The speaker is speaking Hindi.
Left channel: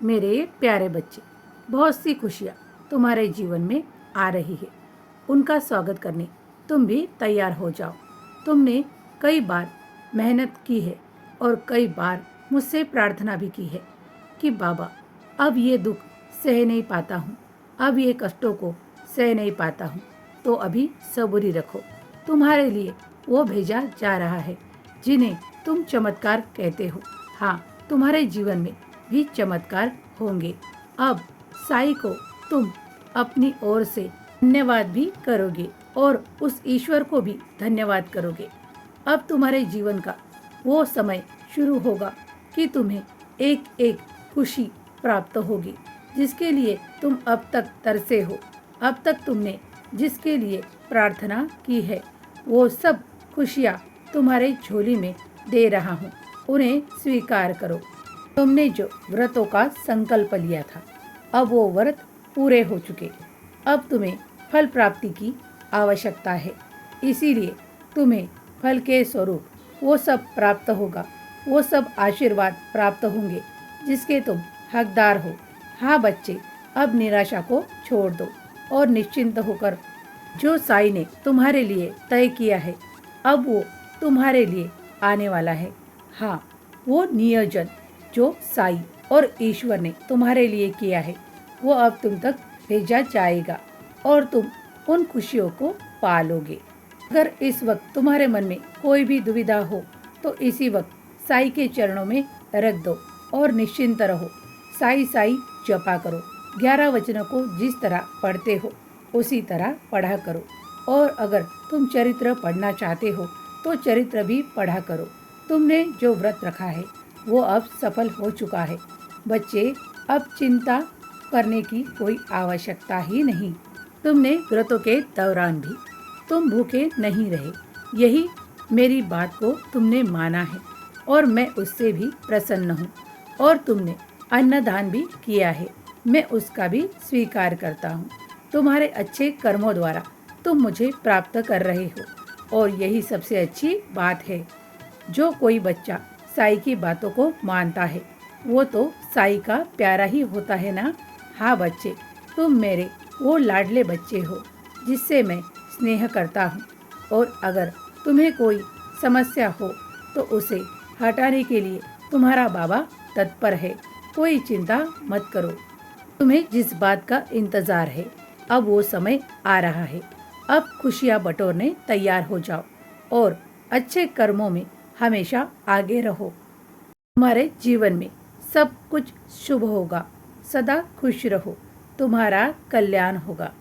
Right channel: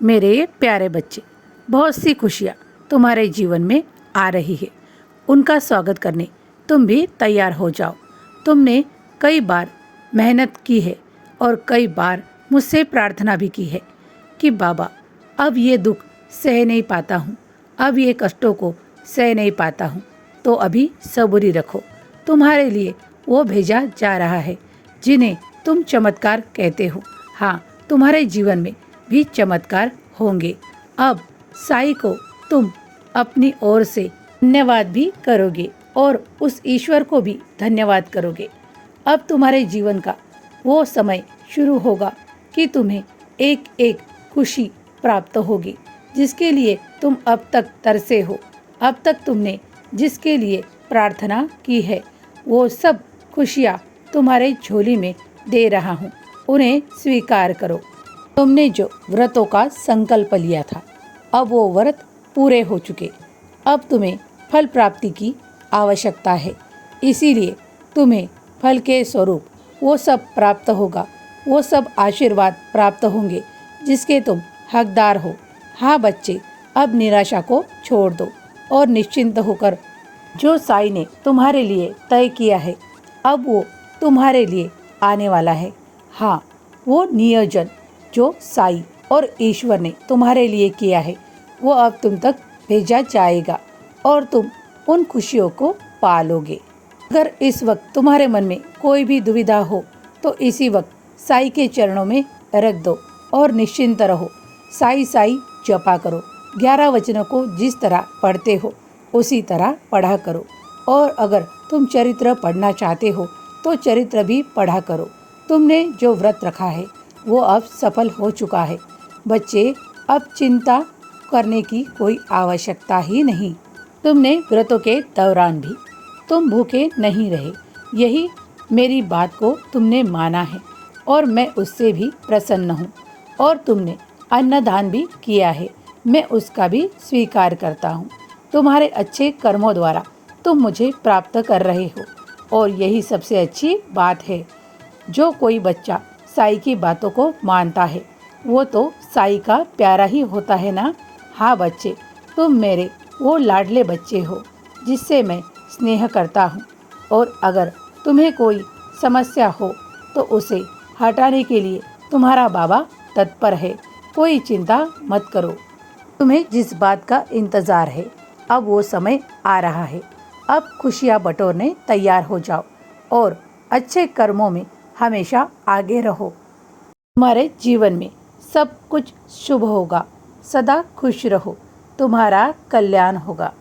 मेरे प्यारे बच्चे, बहुत सी खुशियाँ तुम्हारे जीवन में आ रही है। उनका स्वागत करने तुम भी तैयार हो जाओ। तुमने कई बार मेहनत की है और कई बार मुझसे प्रार्थना भी की है कि बाबा, अब ये दुख सह नहीं पाता हूँ, अब ये कष्टों को सह नहीं पाता हूँ, तो अभी सबूरी रखो। तुम्हारे लिए वो भेजा जा रहा है जिन्हें तुम चमत्कार कहते हो। हाँ, तुम्हारे जीवन में भी चमत्कार होंगे। अब साईं को तुम अपनी ओर से धन्यवाद भी करोगे और उस ईश्वर को भी धन्यवाद करोगे। अब तुम्हारे जीवन का वो समय शुरू होगा कि तुम्हें एक एक खुशी प्राप्त होगी, जिसके लिए तुम अब तक तरसे हो। अब तक तुमने जिसके लिए प्रार्थना की है, वो सब खुशियाँ तुम्हारे झोली में दे रहा हूँ, उन्हें स्वीकार करो। तुमने जो व्रतों का संकल्प लिया था, अब वो व्रत पूरे हो चुके। अब तुम्हें फल प्राप्ति की आवश्यकता है, इसीलिए तुम्हें फल के स्वरूप वो सब प्राप्त होगा, वो सब आशीर्वाद प्राप्त होंगे जिसके तुम हकदार हो। हाँ बच्चे, अब निराशा को छोड़ दो और निश्चिंत होकर जो साईं ने तुम्हारे लिए तय किया है, अब वो तुम्हारे लिए आने वाला है। हाँ, वो नियोजन जो साईं और ईश्वर ने तुम्हारे लिए किया है, वो अब तुम तक भेजा जाएगा और तुम उन खुशियों को पालोगे। अगर इस वक्त तुम्हारे मन में कोई भी दुविधा हो तो इसी वक्त साईं के चरणों में रख दो और निश्चिंत रहो। साईं साईं जपा करो। 11 वचनों को जिस तरह पढ़ते हो उसी तरह पढ़ा करो। और अगर तुम चरित्र पढ़ना चाहते हो तो चरित्र भी पढ़ा करो। तुमने जो व्रत रखा है वो अब सफल हो चुका है। बच्चे, अब चिंता करने की कोई आवश्यकता ही नहीं। तुमने व्रतों के दौरान भी तुम भूखे नहीं रहे, यही मेरी बात को तुमने माना है और मैं उससे भी प्रसन्न हूँ। और तुमने अन्नदान भी किया है, मैं उसका भी स्वीकार करता हूँ। तुम्हारे अच्छे कर्मों द्वारा तुम मुझे प्राप्त कर रहे हो और यही सबसे अच्छी बात है। जो कोई बच्चा साईं की बातों को मानता है वो तो साईं का प्यारा ही होता है ना। हाँ बच्चे, तुम मेरे वो लाडले बच्चे हो जिससे मैं स्नेह करता हूँ और अगर तुम्हें कोई समस्या हो तो उसे हटाने के लिए तुम्हारा बाबा तत्पर है। कोई चिंता मत करो। तुम्हें जिस बात का इंतज़ार है, अब वो समय आ रहा है। अब खुशियाँ बटोरने तैयार हो जाओ और अच्छे कर्मों में हमेशा आगे रहो। तुम्हारे जीवन में सब कुछ शुभ होगा। सदा खुश रहो, तुम्हारा कल्याण होगा।